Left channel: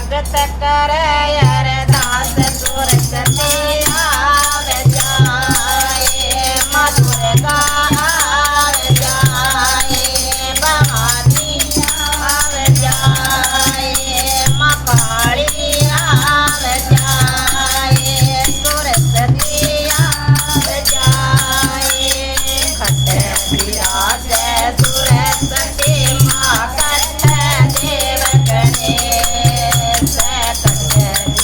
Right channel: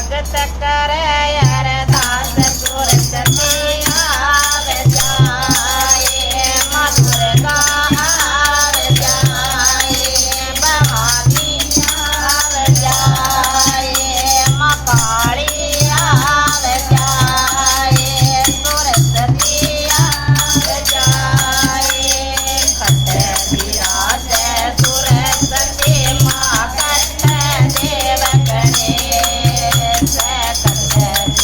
स्वागत करे अरदास सुरत में आवे जाए माँ दुर्गा आवे जाए भवानी आवे जाए माँ काली आवे जाए सुरत में आवे जाए खट विराजे सुरत में माँ कट देव गणेश कट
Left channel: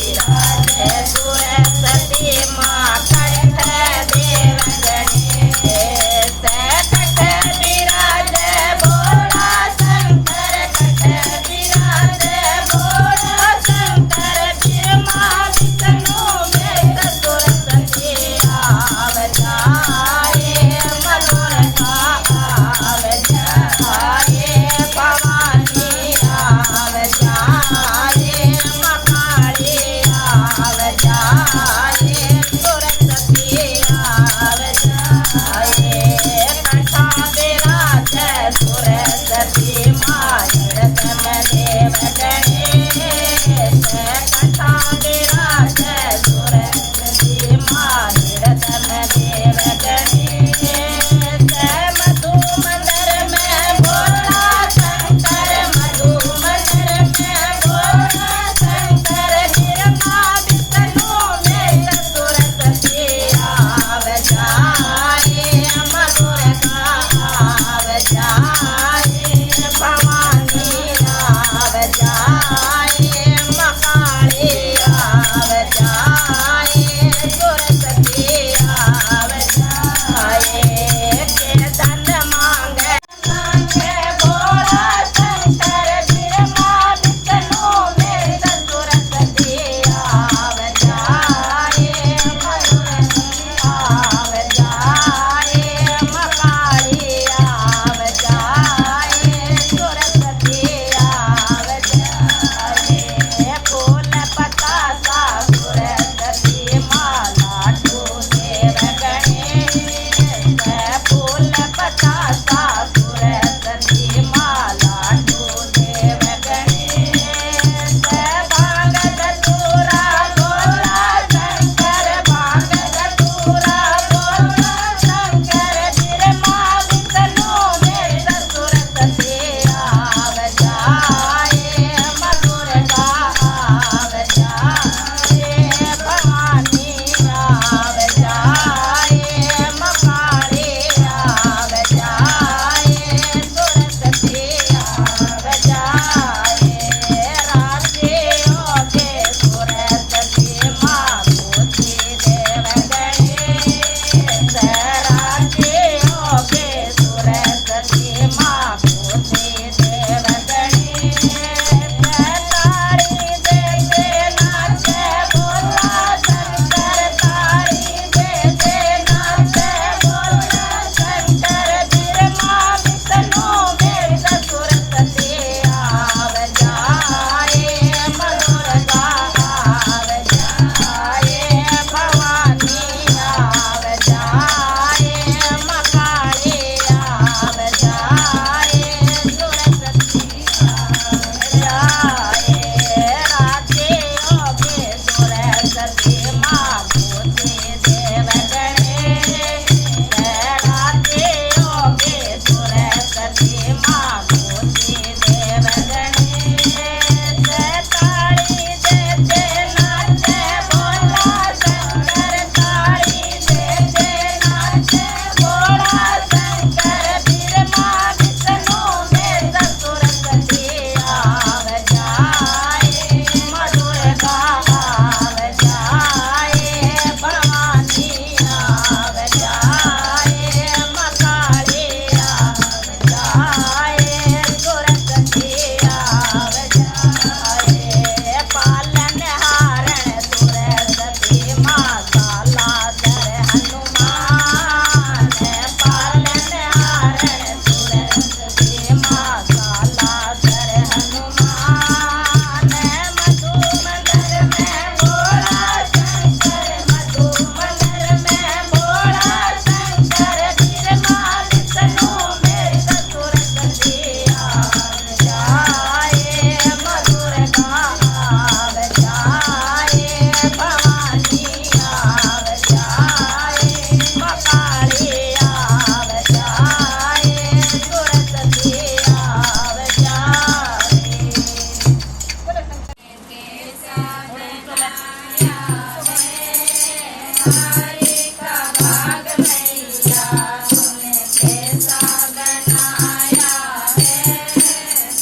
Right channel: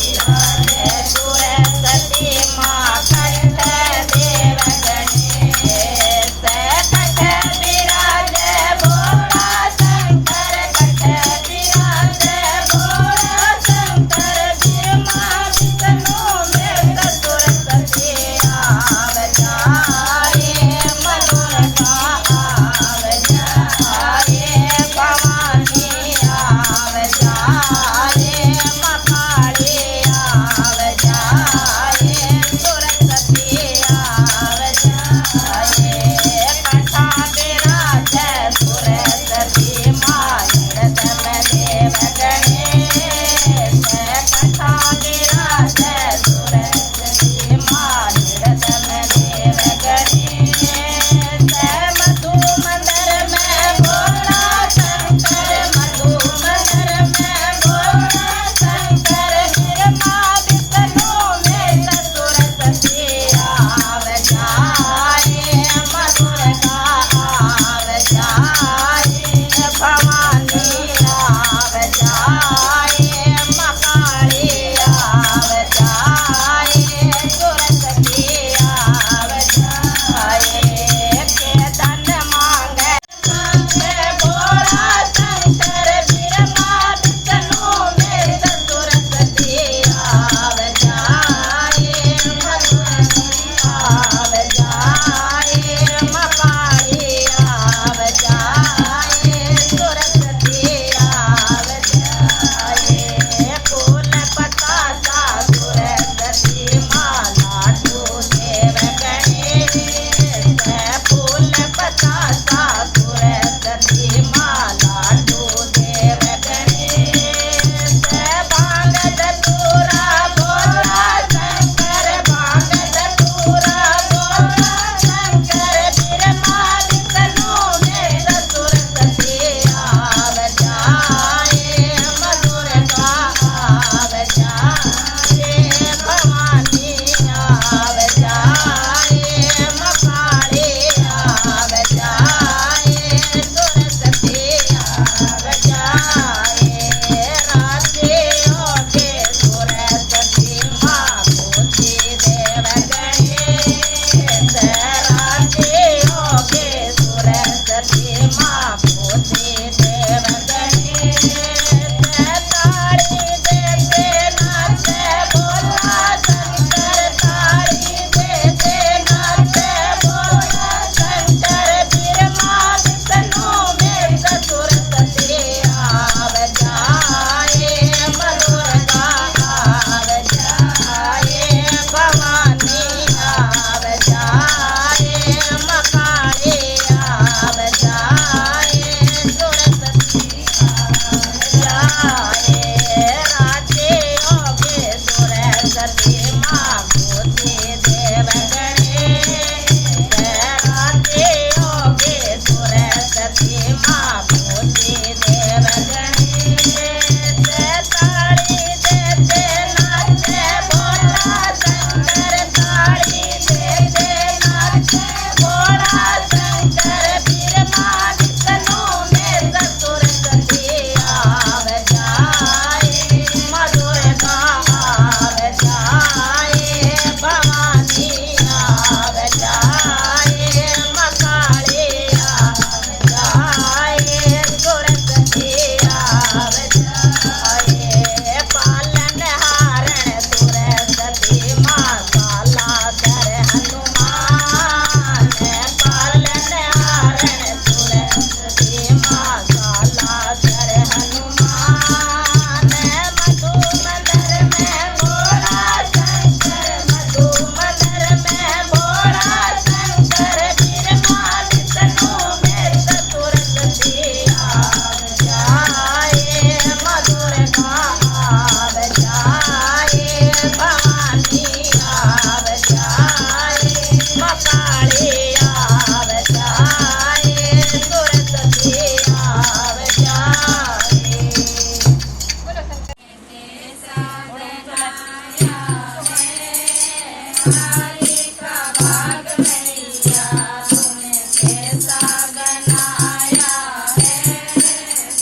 नारी का भाग मैया तूने कैसा बनाया है।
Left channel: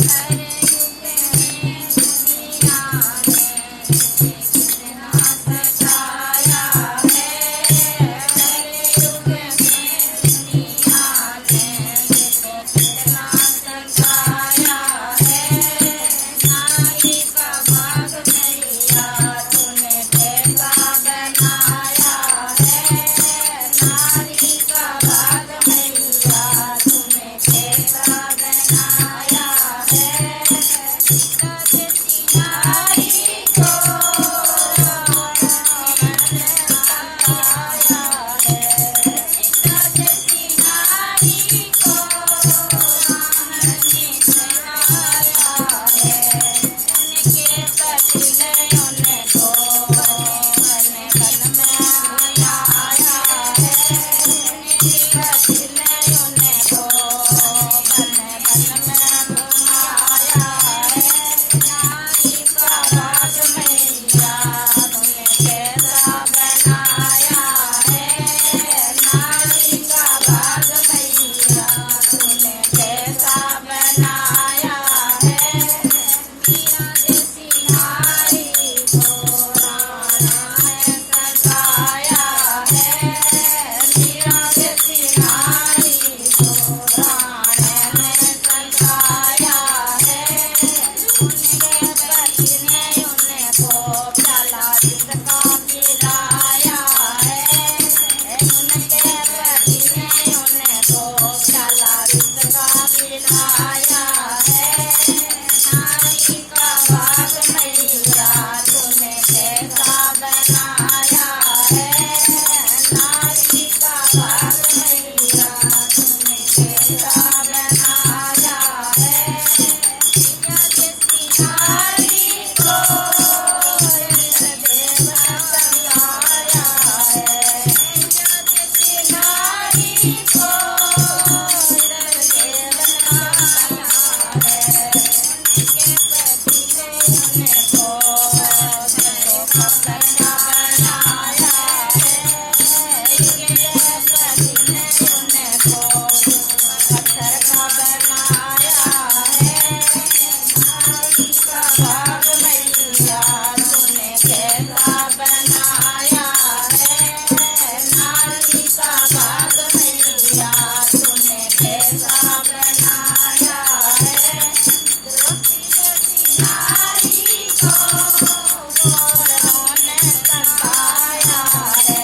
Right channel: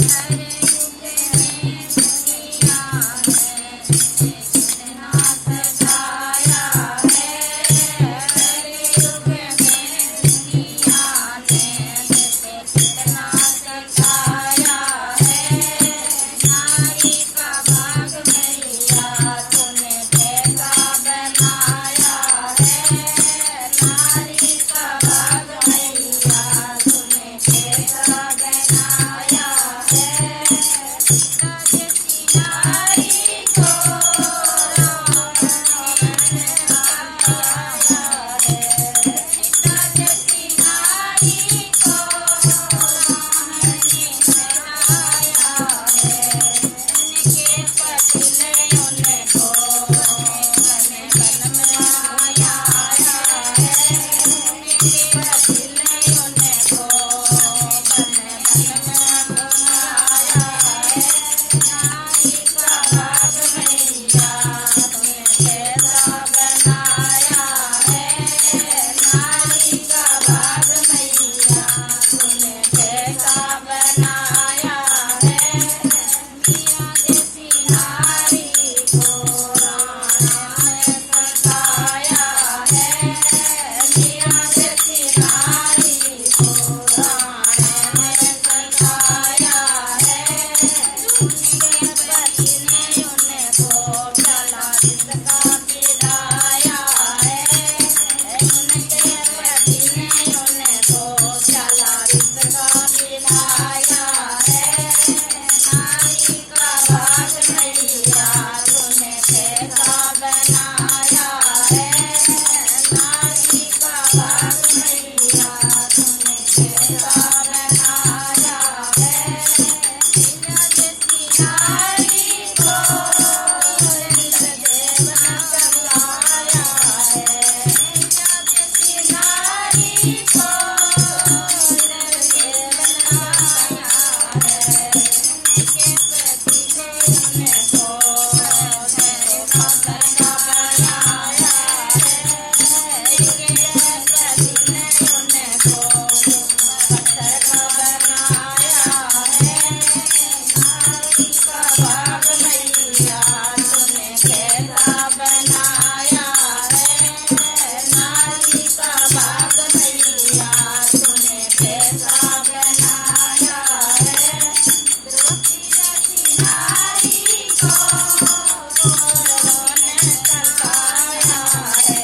हर युग में दुनिया ने कितना सजाया है। हर युग में दुनिया ने कितना सजाया है। नारी का भाग मैया तूने कैसा बनाया है। नारी का भाग मैया तूने कैसा बनाया है। सीता जैसी नारी को सीता जैसी नारी को राम ने बनाया है। उनके पति ने उनको मन बन बनाया है। उनके पति ने उनको मन बनाया है। नारी का भाग मैया तूने कैसा बनाया है। नारी का भाग मैया तूने कैसा बनाया है। मीरा जैसी नारी को राणा ने सजाया है। मीरा जैसी नारी को राणा ने सजाया है। उनके पति ने उनको चला जिसका पिलाया है। उनके पति ने उनको चला जिसका पिलाया है। नारी का भाग मैया तूने कैसा बनाया है। नारी का भाग मैया तूने कैसा बनाया है। मीरा जैसी नारी को इंद्रदेव ने संभाला है। मीरा जैसी नारी को इंद्रदेव ने बनाया है। उनके पति ने उनको धर्म का बनाया है। उनके पति ने उनको पत्थर का बनाया है। नारी का भाग मैया तूने कैसा बनाया है। नारी का भाग मैया तूने कैसा बनाया है। द्रौपदी जैसी नारी को कौरवों ने सताया है।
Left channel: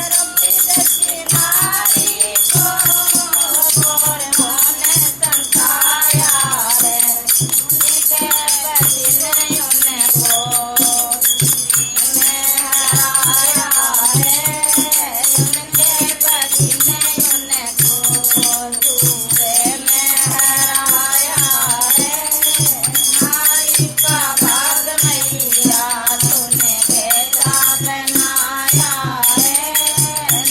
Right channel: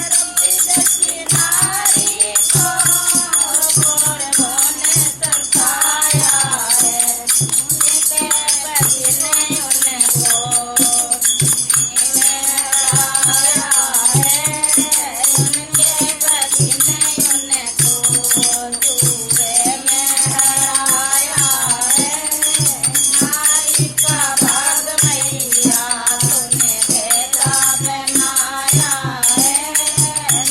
द्रौपदी जैसी नारी को कौरवों ने सताया है। उनके पति ने उनको में हराया है। उनके पति ने उनको जुए में हराया है। नारी का भाग मैया तूने कैसा बनाया है।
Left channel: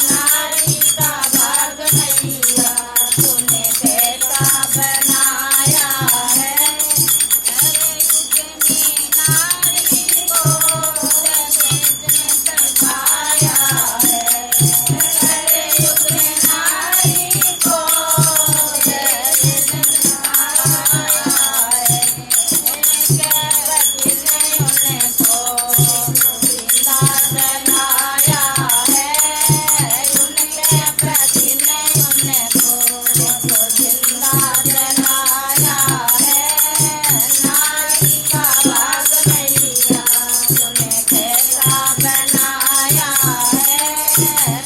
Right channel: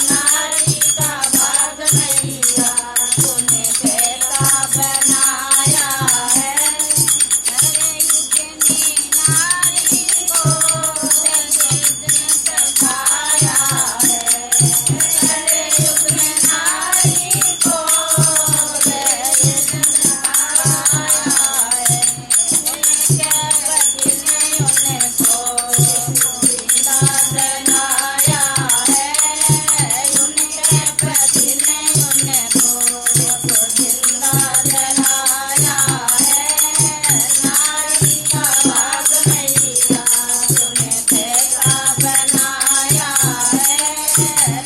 नारी का भाग मैया तूने कैसा बनाया है। हर युग में नारी को दहेज ने सजाया है। हर युग में नारी को दहेज ने सजाया है। उनके पति ने उनको जिंदा जलाया है। उनके पति ने उनको जिंदा जलाया है। नारी का भाग मैया तूने कैसा बनाया है।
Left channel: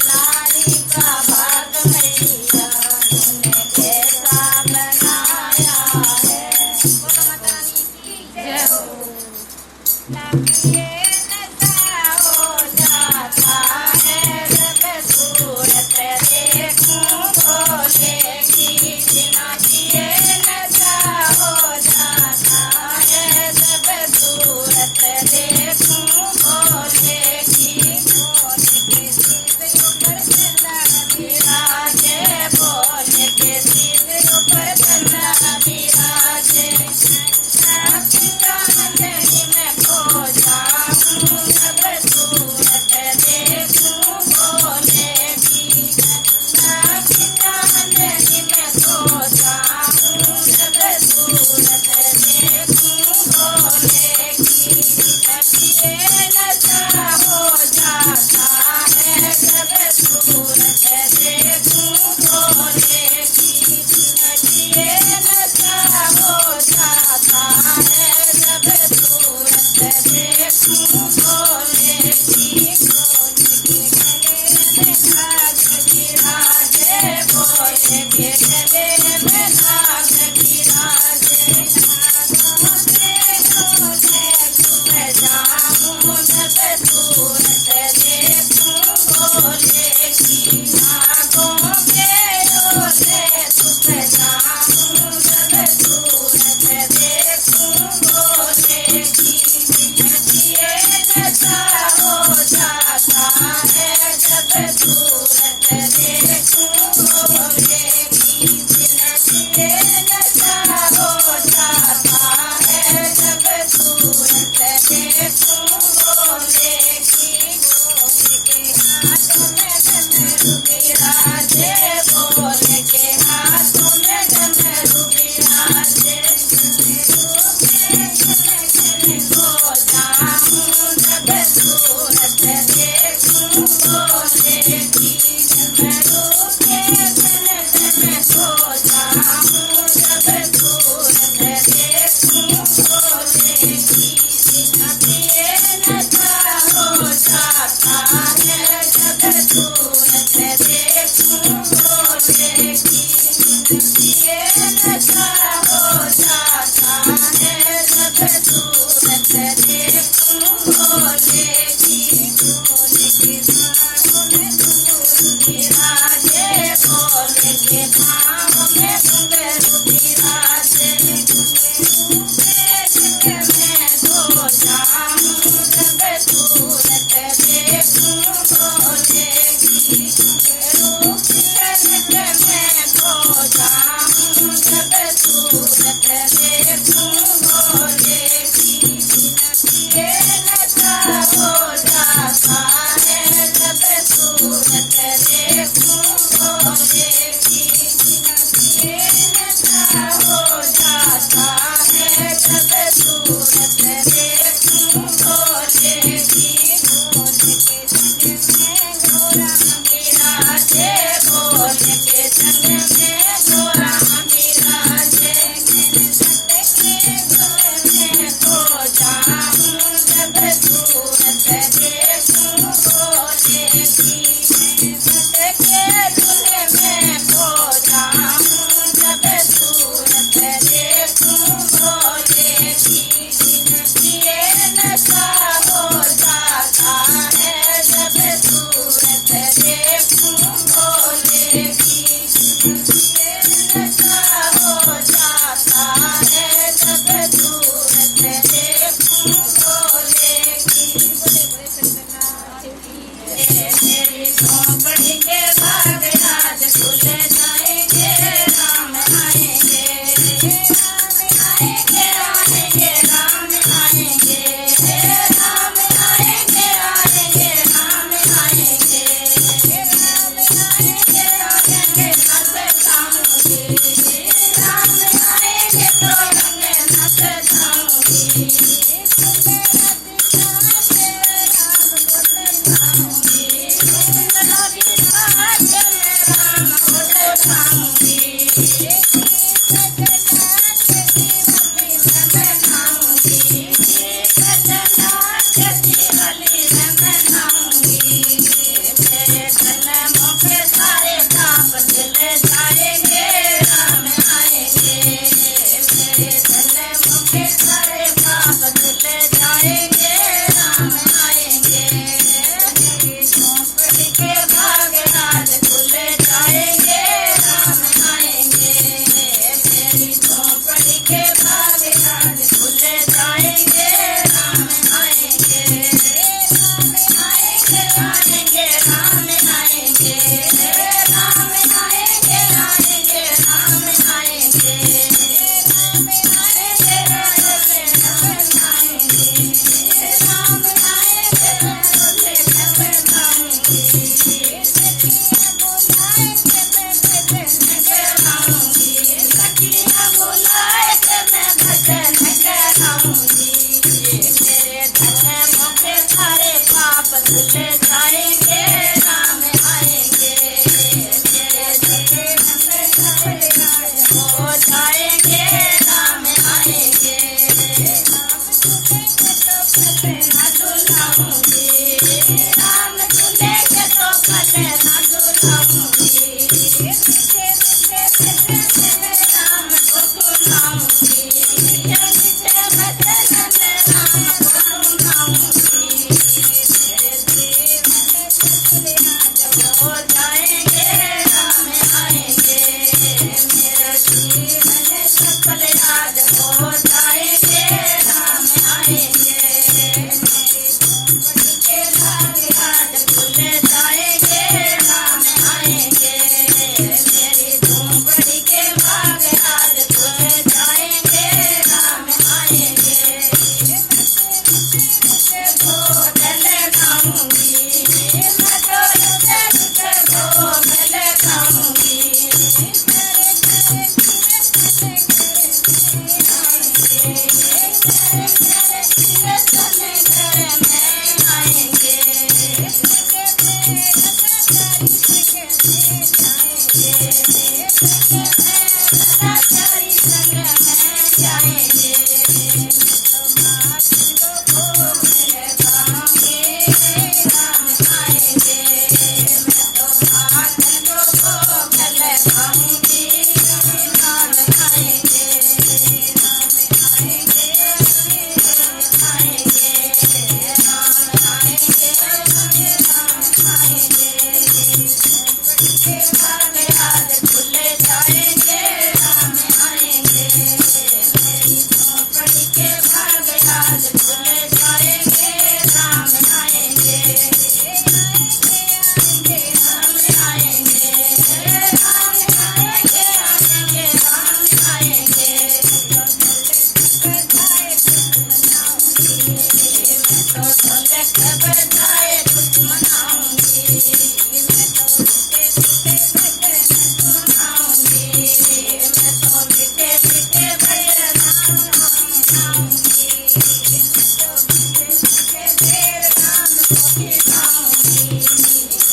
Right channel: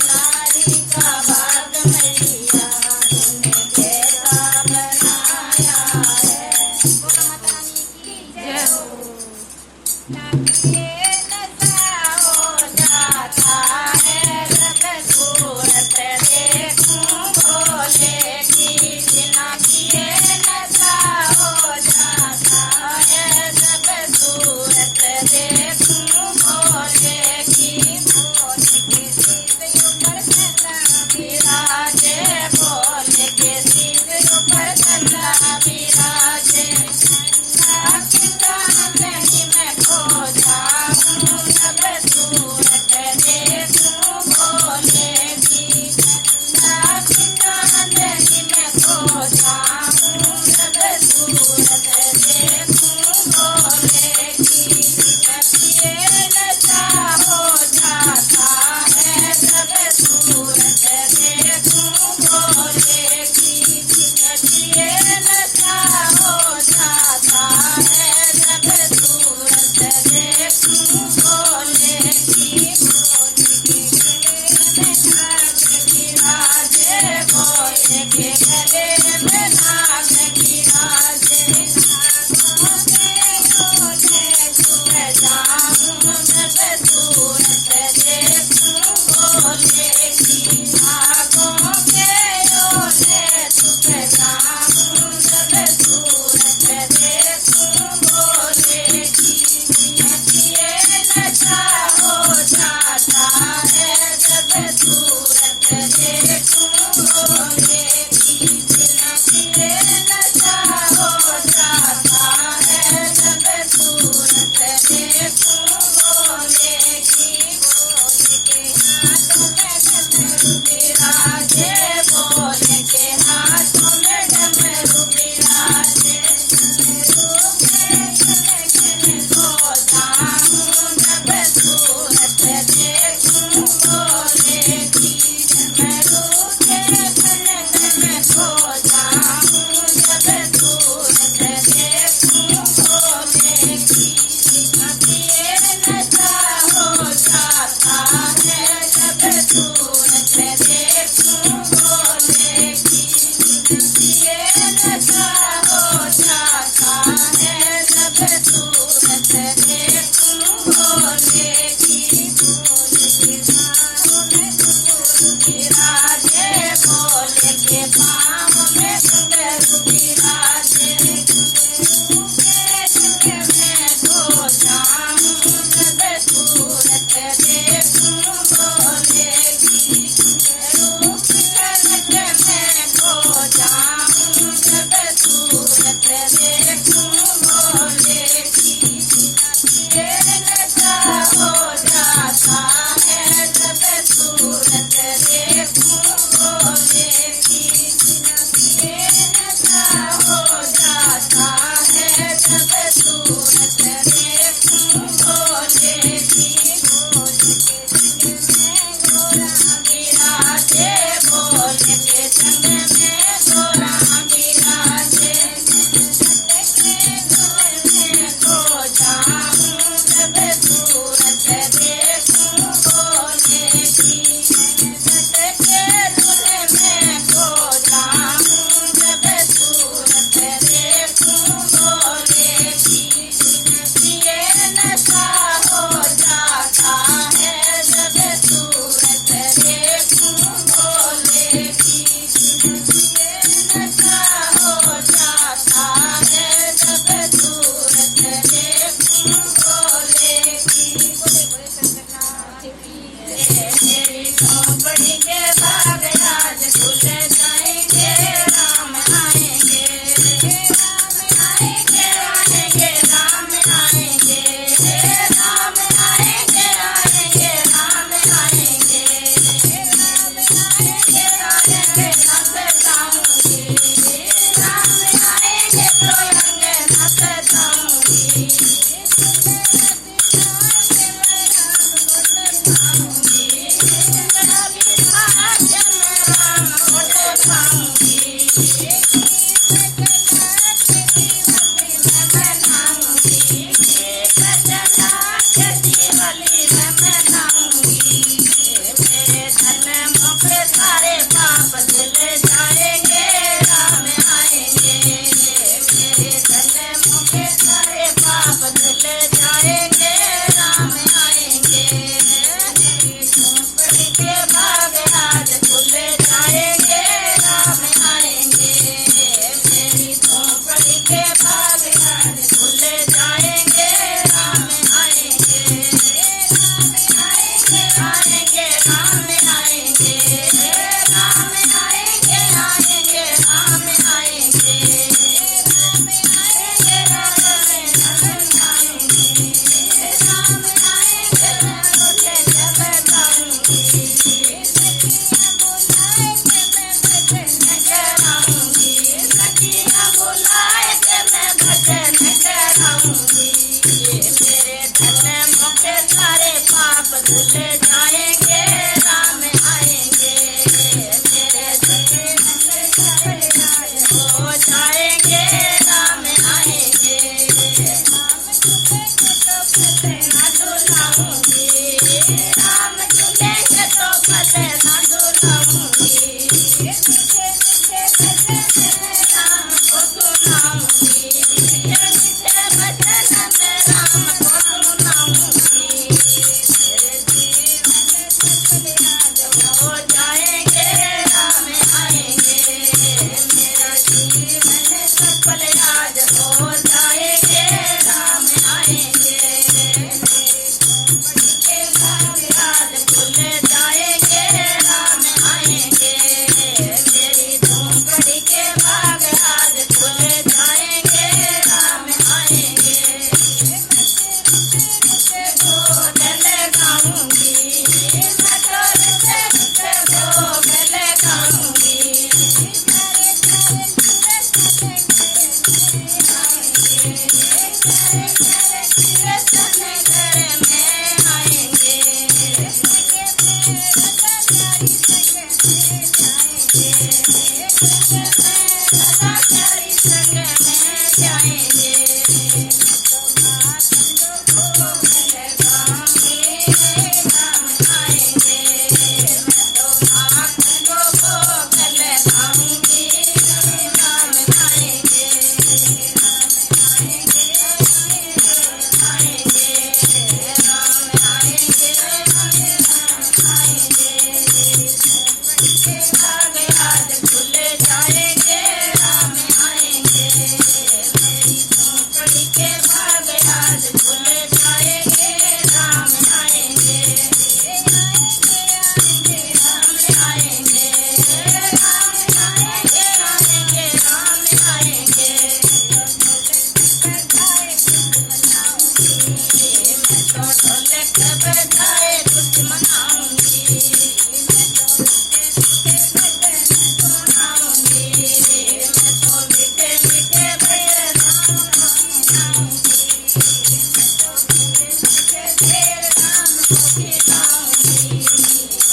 नारी का भाग मैया तूने कैसा बनाया है। बोलो माता रानी की जय हो। नंगे नशा हो जाता है जब सूरत देखूं भोले की। बिना किए नशा हो जाता है जब सूरत देखूं भोले की। भोले के सिर ऊपर चला विराजे। भोले के सिर ऊपर चला विराजे। गंगा में खो जाऊं जब सूरत देखूं देखूं भोले की विराजे भोले के गले में नाग विराजे जाऊं जब सूरत देखूं भोले की नागों के ओले सुख जाऊं जब सूरत देखूं भोले की ये नशा हो जाता है जब सूरत देखूं भोले की ये नशा हो जाता है जब सूरत देखूं भोले की विराजे भोले के हाथों में डमरू विराजे हो जाऊं जब सूरत देखूं भोले की डमरू के तन हो जाऊं जब सूरत देखूं भोले की ये नशा हो जाता है जब सूरत देखूं भोले की ये नशा हो जाता है जब सूरत देखूं भोले की विराजे भोले के पाँव में घुंघरू विराजे हो जाऊं जब सूरत देखूं भोले की रूप कनक में खो जाऊं जब सूरत देखूं भोले की ये नशा हो जाता है जब सूरत देखूं भोले की ये नशा हो जाता है जब सूरत देखूं भोले की विराजे भोले के संग में घोड़ा विराजे हो जाऊं जब सूरत देखूं भोले की के धुन में खो जाऊं जब सूरत देखूं भोले की ये नशा हो जाता है जब सूरत देखूं भोले की ये नशा हो जाता है जब सूरत देखूं भोले की तेरी खोपड़ी के भाग आज खुल जाएंगे राम आएंगे आएंगे आएंगे राम आएंगे राम आएंगे आएंगे राम आएंगे राम आएंगे आएंगे नस जाऊंगी राम आएंगे तो रंग नस जाऊंगी सारे पाप धुल जाएंगे राम आएंगे मेरे जन्म के सारे पाप धुल जाएंगे राम आएंगे मेरी झोंपड़ी के भाग आज खुल जाएंगे राम आएंगे मेरी झोंपड़ी के भाग आज खुल जाएंगे राम आएंगे आएंगे राम आएंगे राम आएंगे आएंगे राम आएंगे राम आएंगे राम आएंगे राम आएंगे रोले जब जाऊंगी सखियां बुलाए के मैं भजन कराऊंगी सखियां बुलाए के मैं भजन कराऊंगी मेरे धन मुझे सारे पाप धुल जाएंगे राम आएंगे मेरे जगे हो जाएंगे राम आएंगे राम सुखेंगे तो फते ना झुलाऊंगी, राम झूलेंगे तो फते ना झुलाऊंगी, मीठे मीठे भजन में राम को सुनाऊंगी, मीठे मीठे भजन में राम को सुनाऊंगी। मेरे जीवन सफल आज हो जाएंगे, राम आएंगे, मेरा जीवन सफल आज हो जाएंगे, राम आएंगे, मेरी झोंपड़ी के भाग आज खुल जाएंगे, राम आएंगे, मेरी झोंपड़ी के भाग आज खुल जाएंगे, राम आएंगे। मैं भोजन खाऊंगी, मैं तो रुके भोजन खाऊंगी, करे करे कीर्तन करे आएंगे, करे करे कीर्तन करे में आएंगे, संगे में रताकारी संगे में जाएंगे, संगे में रताकारी संगे में जाएंगे। तो मातंगो भोग लगाऊंगी, राम आएंगे, मैं तो मातंगो भोग लगाऊंगी, राम आएंगे, राम आएंगे, राम आएंगे, राम आएंगे, राम आएंगे, झोंपड़ी के भाग आज खुल जाएंगे, राम आएंगे, मेरी झोंपड़ी के भाग आज खुल जाएंगे, राम आएंगे, आएंगे आएंगे राम आएंगे, राम आएंगे, आएंगे राम आएंगे। तो ढोलक बजाए कुछ मनाऊंगी, मैं तो ढोलक बजाए कुछ मनाऊंगी, मैं तो मीठे मीठे भजन सुनाऊंगी, मैं तो मीठे मीठे ढेर राम को खिलाऊंगी,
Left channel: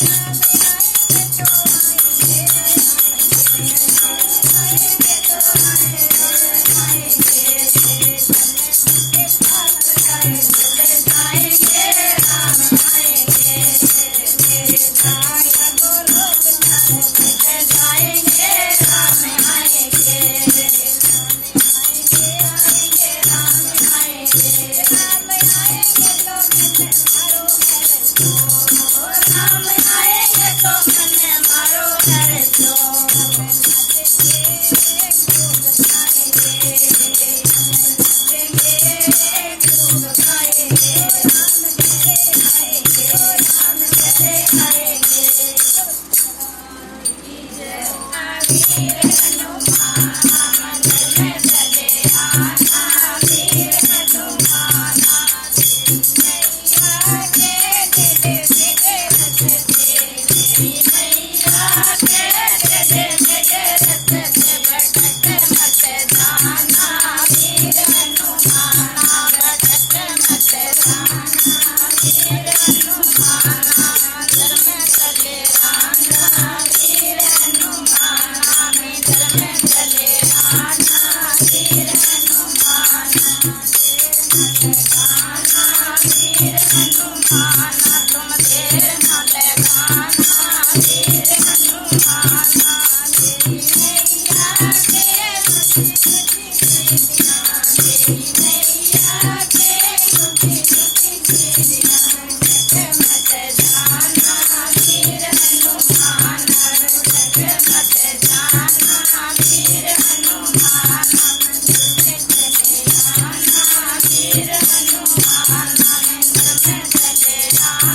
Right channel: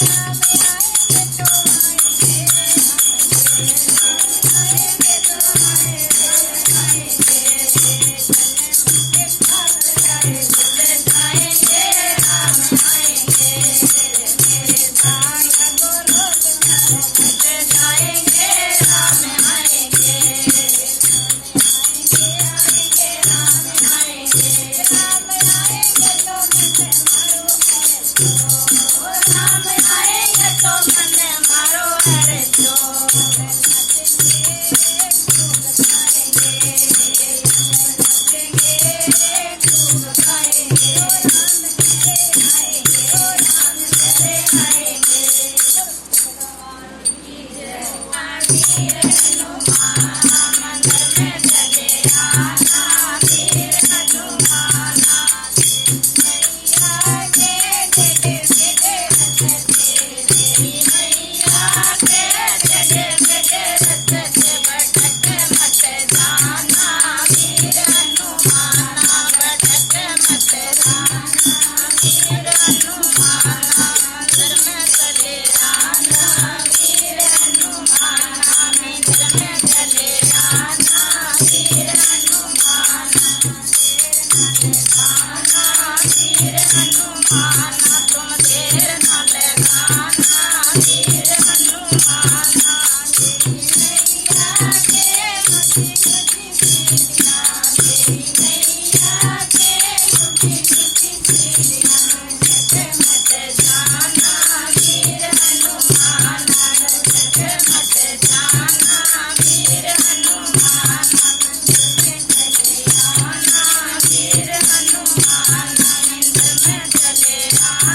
राम आएंगे तो आएंगे, आएंगे तो आएंगे, चलने मुझे भाग जाए खुल जाएंगे, राम आएंगे, मेरे दाया को रोक जाए खुल जाएंगे, राम आएंगे, आएंगे राम आएंगे, राम आएंगे तो मन मारो है तो, राम आएंगे तो मन मारो है तो, नाचेंगे खूब गाएंगे, नाचेंगे खूब गाएंगे, ओ राम मेरे आएंगे, ओ राम मेरे आएंगे। वीर हनुमान मंदिर में चले आना, वीर हनुमान मैया के टेढ़े मेढ़े रथ से, मैया के टेढ़े मेढ़े रथ से भटक मत जाना, वीर हनुमान भटक मत जाना, वीर हनुमान मंदिर में चले आना, वीर हनुमान मंदिर में चले आना, वीर हनुमान देर न लगाना, वीर हनुमान तुम देर न लगाना, वीर हनुमान देवी मैया के मुझे कुछ सीढ़ियाँ, देवी मैया के मुझे कुछ सीढ़ियाँ, रुक मत जाना, वीर हनुमान रुक मत जाना, वीर हनुमान मंदिर में चले आना, वीर हनुमान मंदिर में चले आना।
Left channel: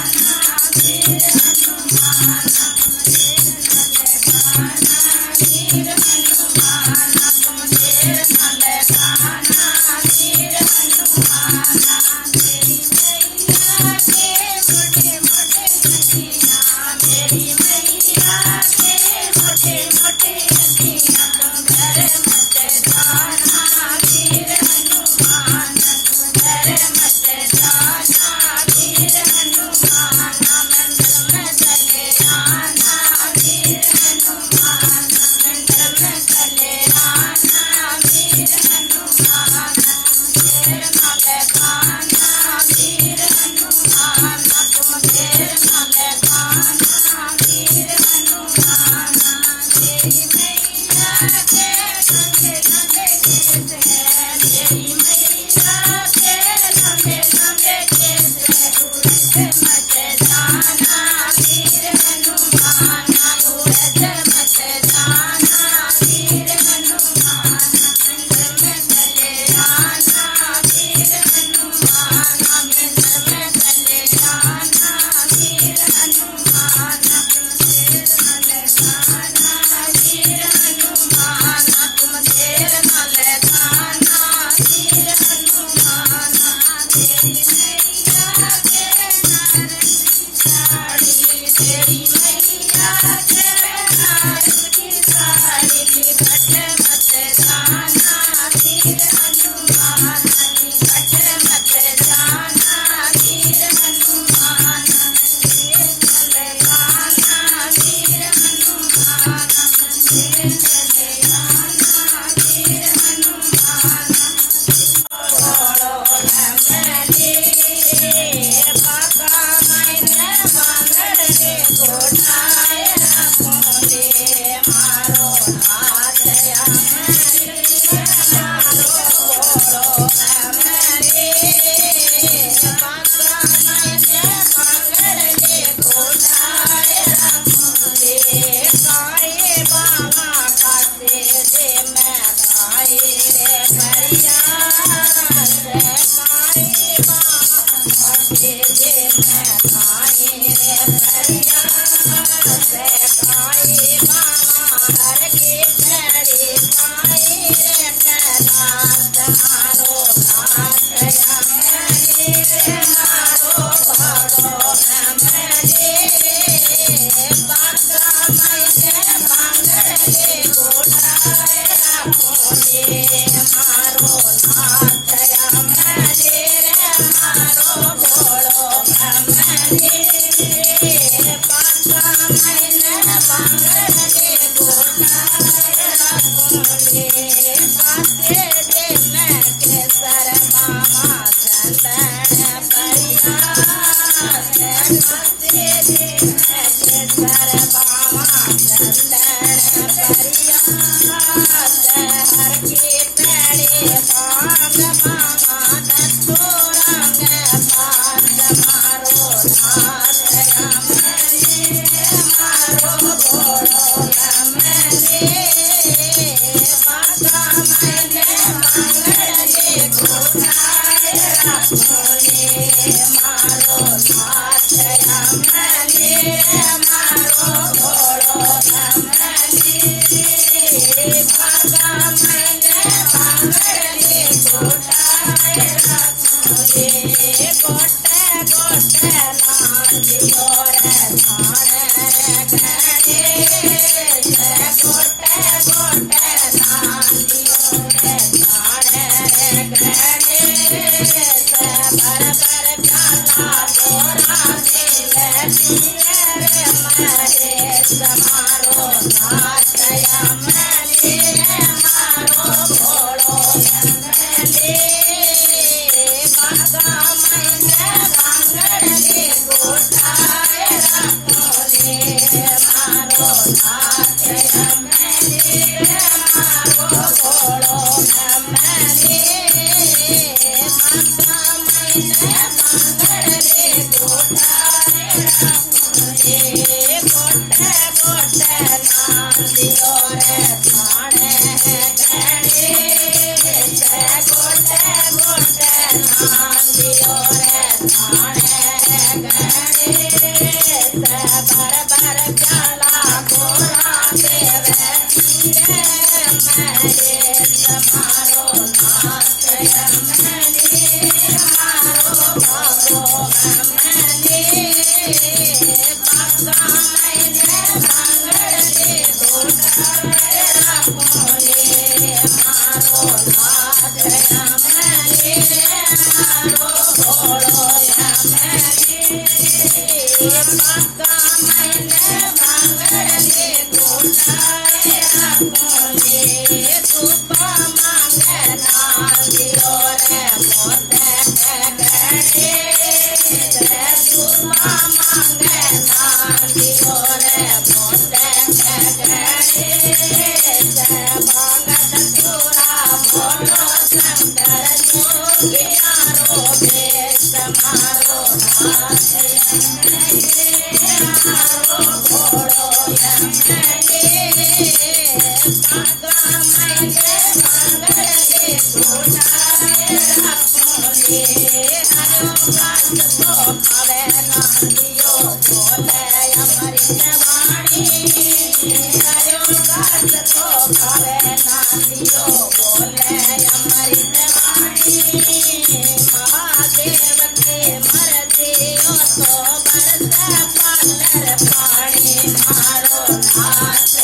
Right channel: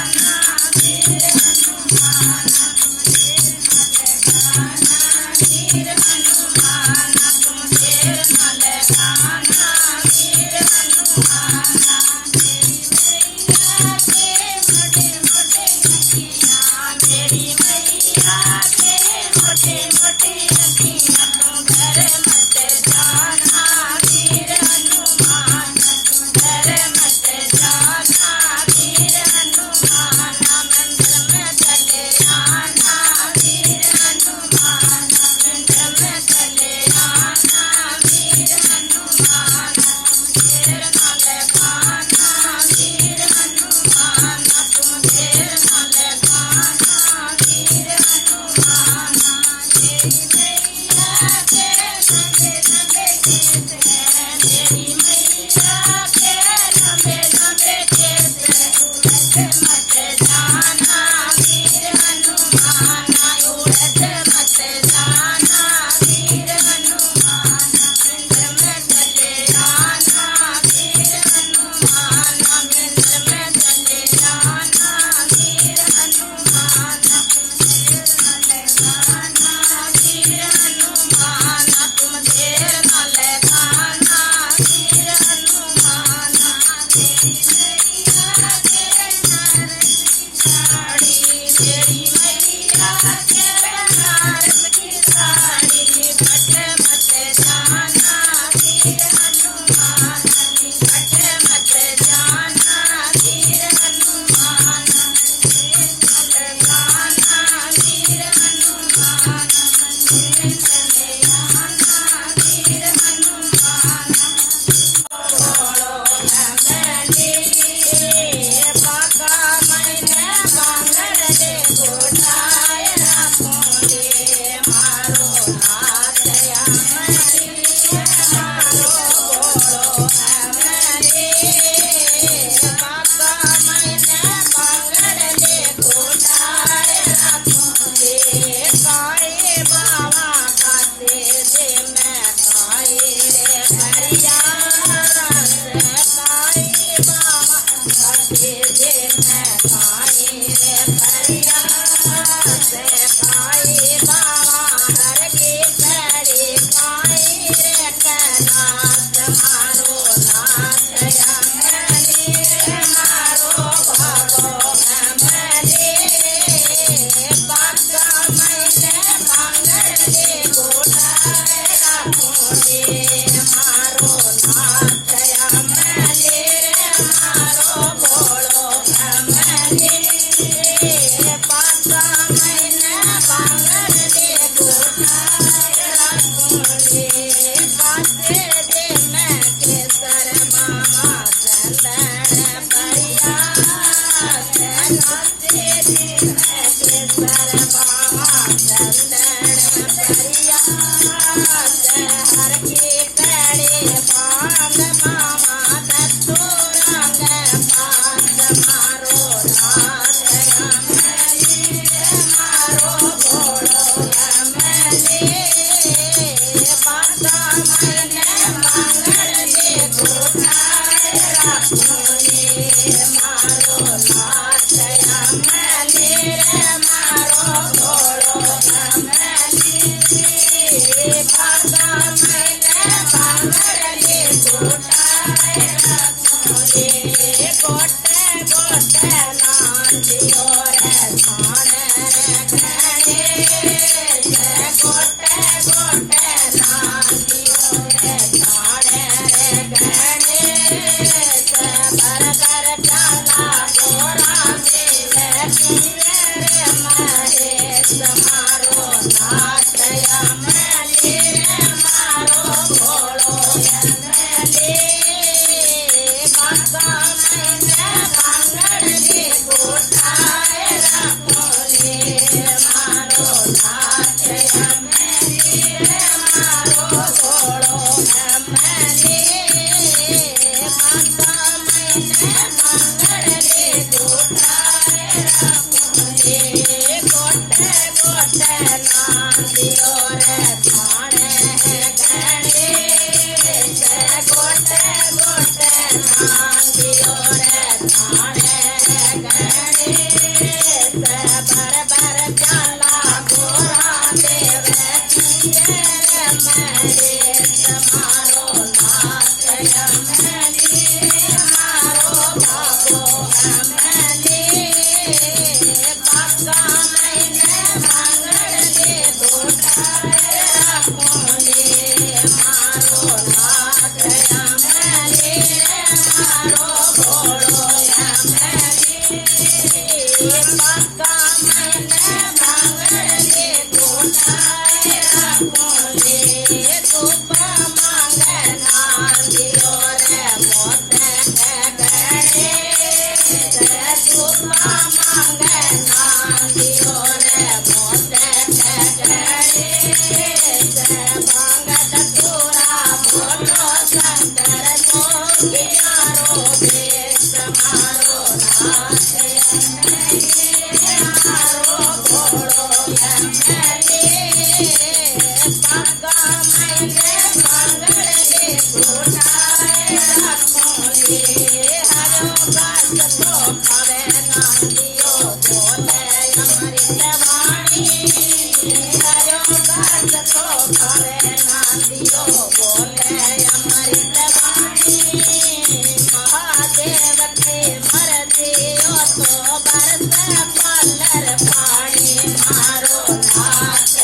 महादेव લાગે મરજીઓ તો બરસે પાલર પાણી મારો નાથ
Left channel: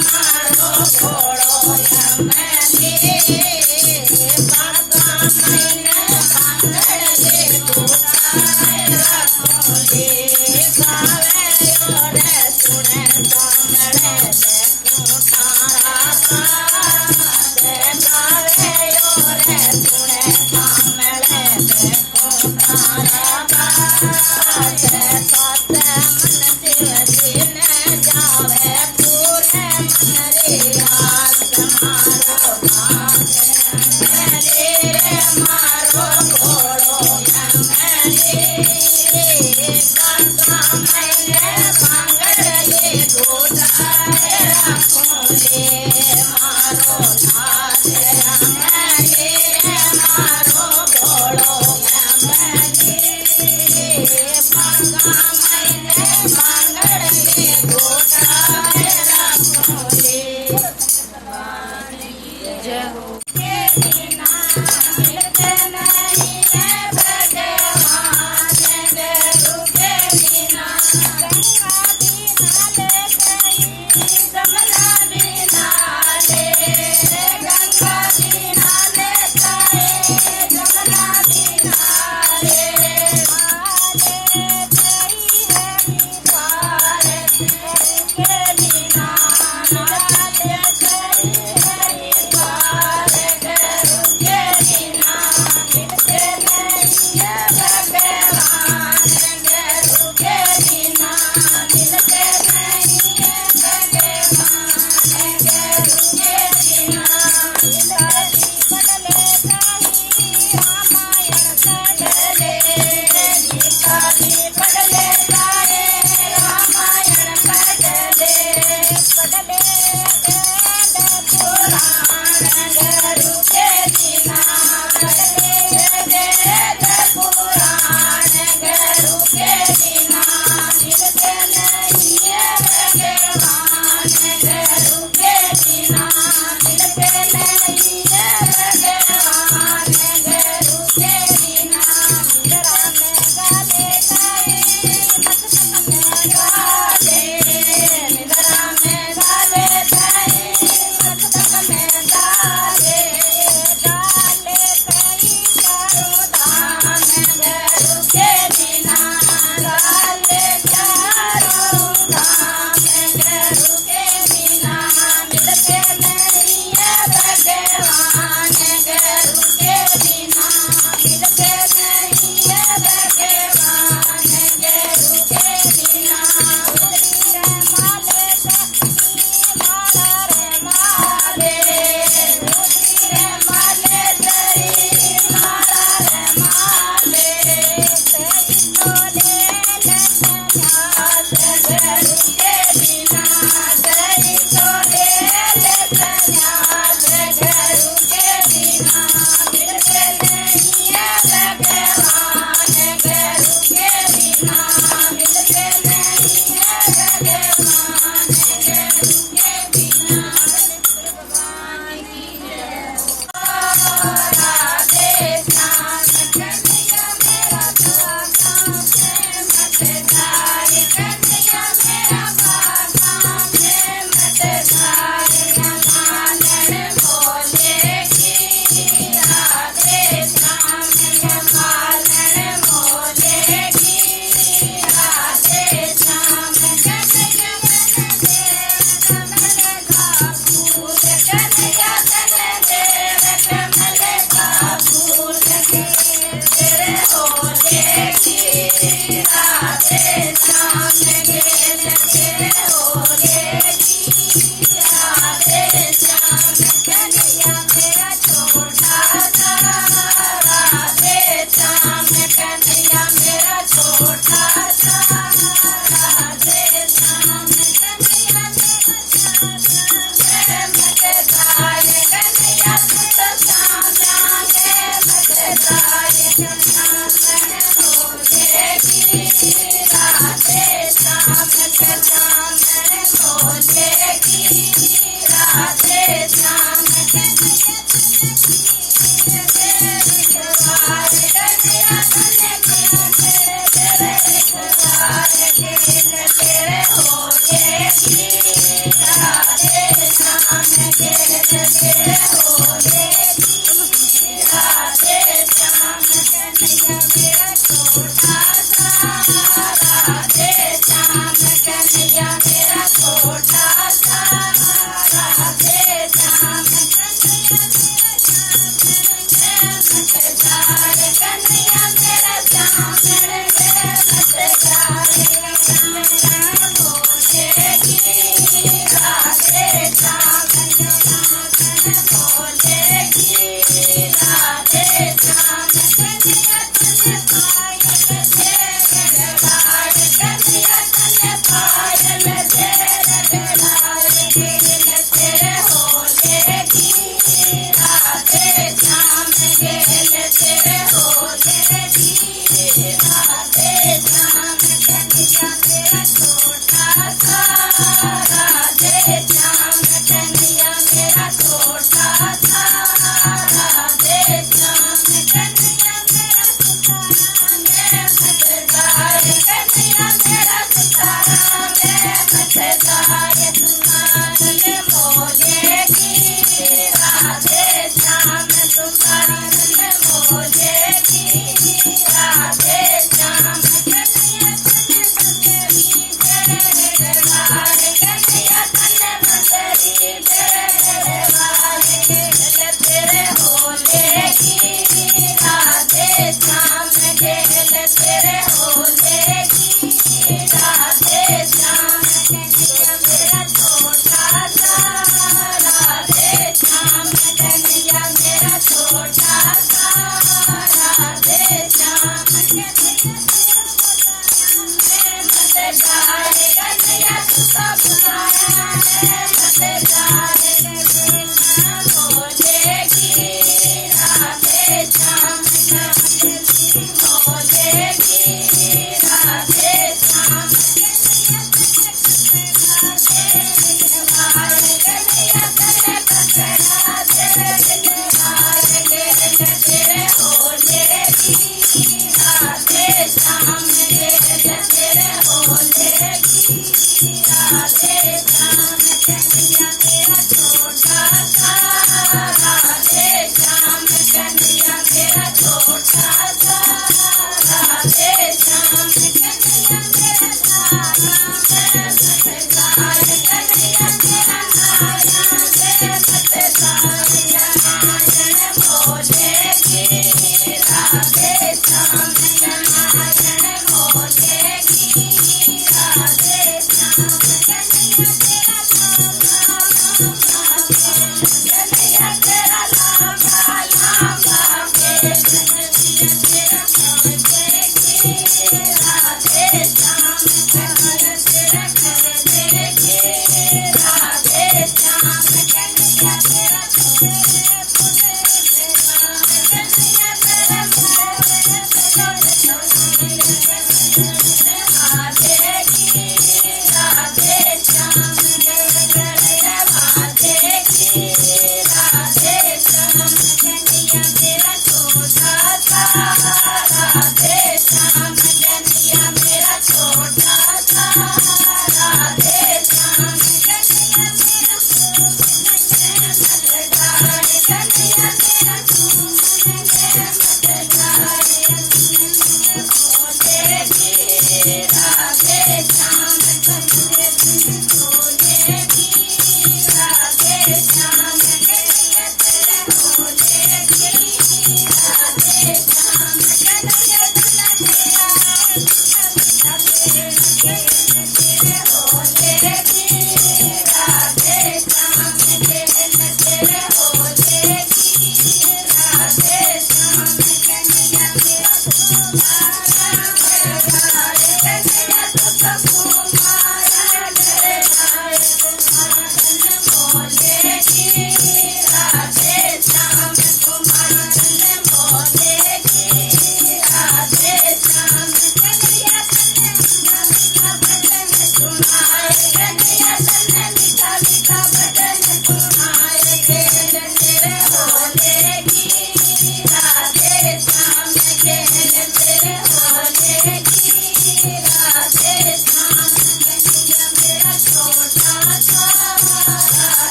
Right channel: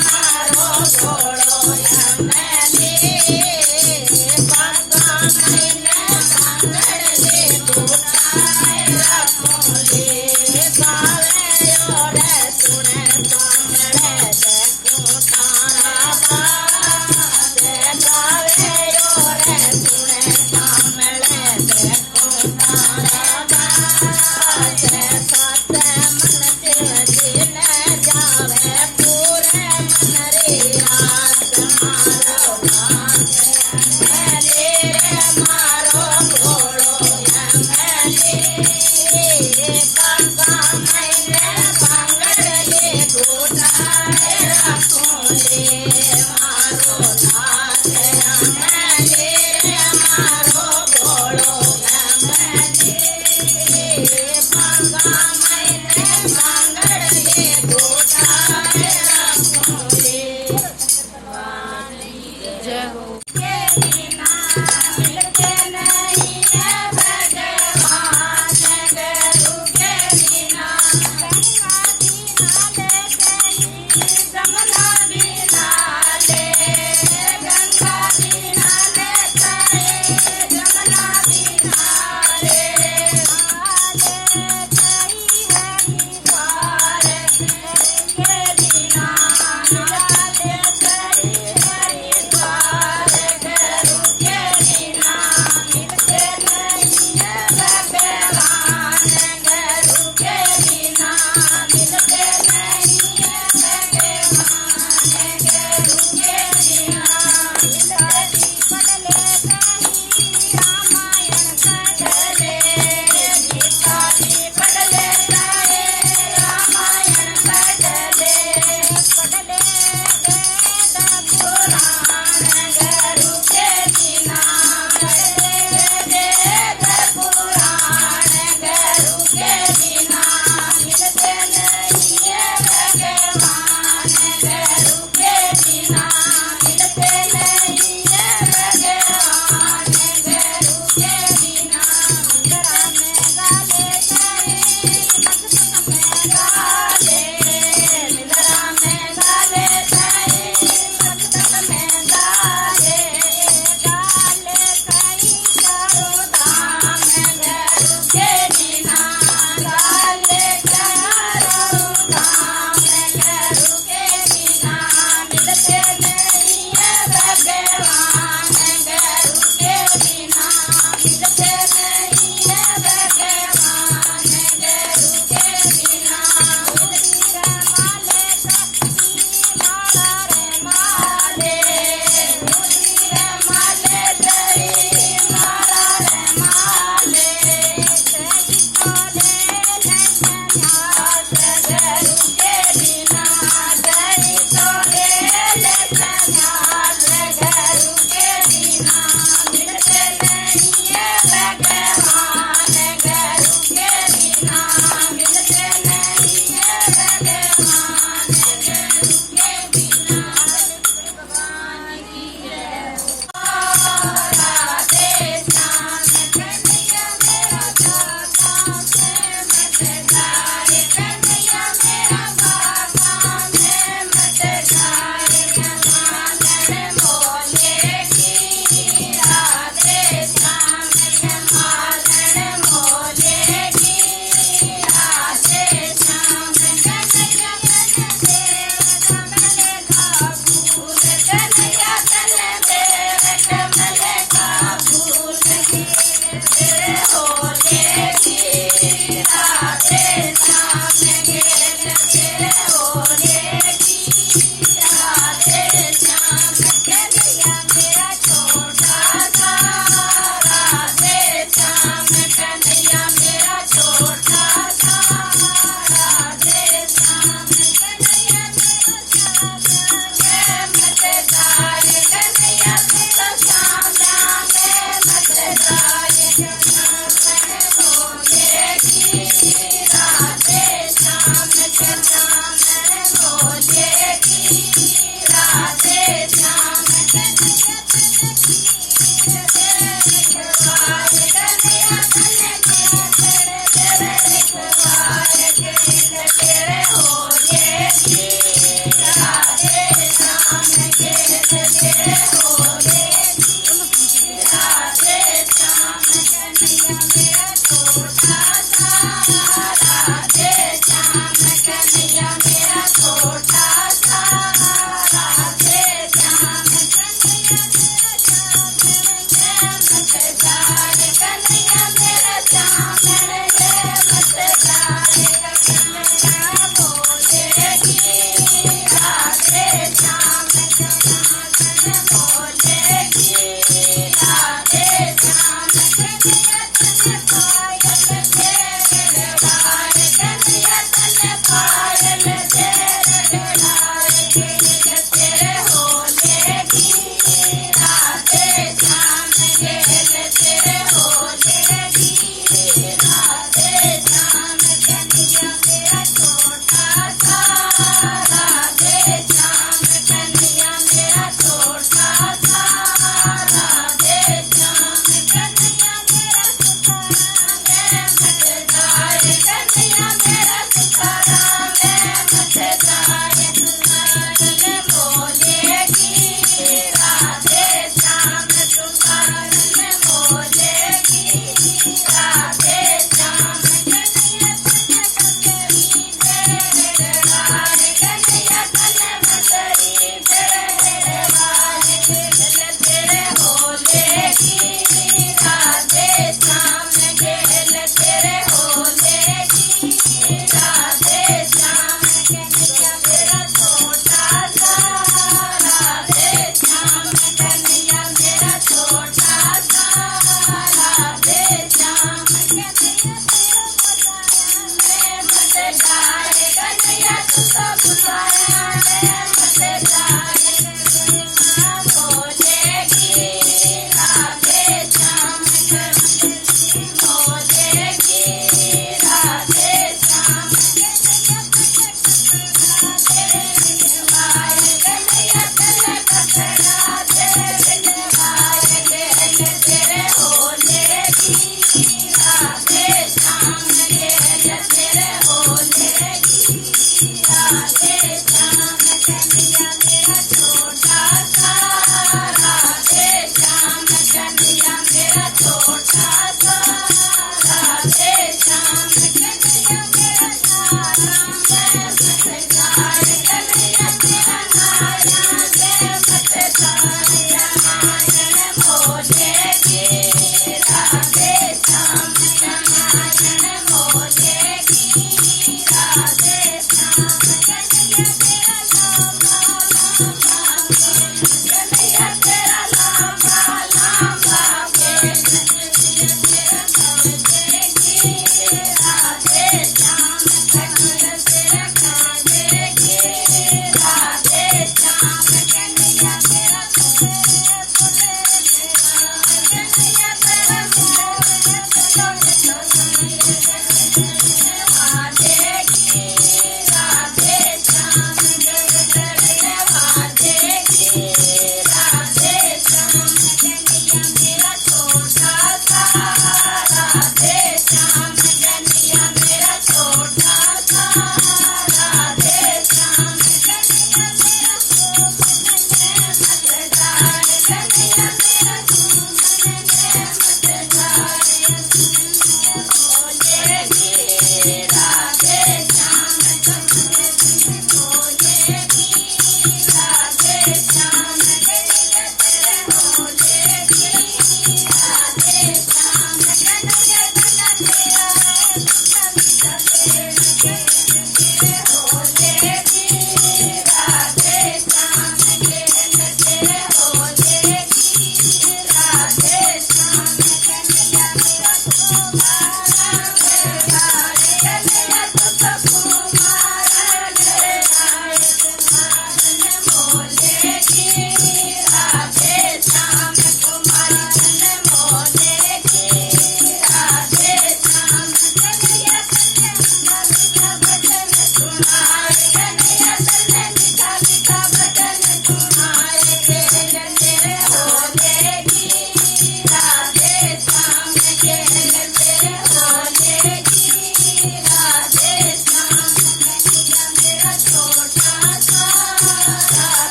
મારો ભોળો પાકા મહિને પાંગળે દુધાય રાખોલે ગાવે રે તુણે સાંભળે દેખું તારા ગાવે રે તુણે સાંભળે દેખું તારા ગાવે સાતે મન દિને જાવે પૂરે મનરી રાત મારો નાથ મારો ભોળો પાકા મહિને પાંગળે દુધાય રાખોલે મારો નાથ મારો ભોળો પાકા મહિને પાંગળે દુધાય રાખોલે જય હો मिलते नहीं है भगवान गुरु के बिना गंगा बिना ले गई जमुना बिना ले गंगा बिना ले गई जमुना बिना ले गई है निधार के बिना ले गई है निधार गुरु के बिना मिलते नहीं है भगवान गुरु के बिना मिलते नहीं है भगवान गुरु के बिना पढ़ले कहीं रामायण पढ़ले गीता भी पढ़ले जाए रामायण पढ़ले वेद पुराण गुरु के बिना वेद पुराण गुरु के बिना मिलते नहीं है भगवान गुरु के बिना मिलते नहीं है भगवान गुरु के बिना निधरा में गाले गए मस्तक में गाले निधरा में गाले गए मस्तक में गाले गाले कहीं चारों धाम गुरु के बिना गाले चारों धाम गुरु के बिना मिलते नहीं है भगवान गुरु के बिना मिलते नहीं है भगवान गुरु के बिना रे माले माला रे माले रे माले जरी माला रे माले सही तोले संन्यास गुरु के बिना सही तोले संन्यास गुरु के बिना मिलते नहीं है भगवान गुरु के बिना मिलते नहीं है भगवान गुरु के बिना भगवान की जय राधे श्याम कन्हैया मेरा बाबा से मत जाए कन्हैया मेरा बाबा से मत जाए मानन बोले की राधे श्याम मानन बोले की राधे श्याम कन्हैया तन देव कमल का फूल कन्हैया तन देव कमल का फूल तेरे होले की राधे श्याम खेल तेरे होले की राधे श्याम कन्हैया मेरा छोटा सा राधे श्याम कन्हैया मेरा छोटा सा राधे श्याम कन्हैया मत जाए कन्हैया तो श्याम मत जाए होले की राधे श्याम होले की Radhe Shyam Thank you.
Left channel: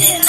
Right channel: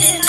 Hare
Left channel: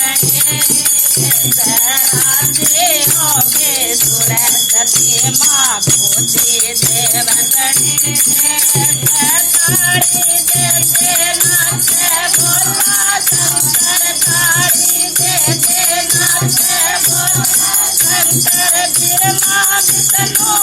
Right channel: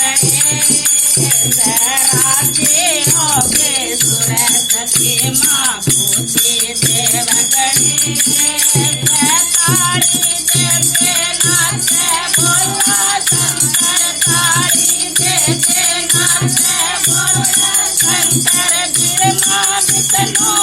Thank you. રાજી ઓકે સુરે સતી માં પૂછી દેવગણી તારી દેતે નાથે બોલા શંકર તારી દેતે નાથે બોલા શંકર બિરમા વિષ્ણુ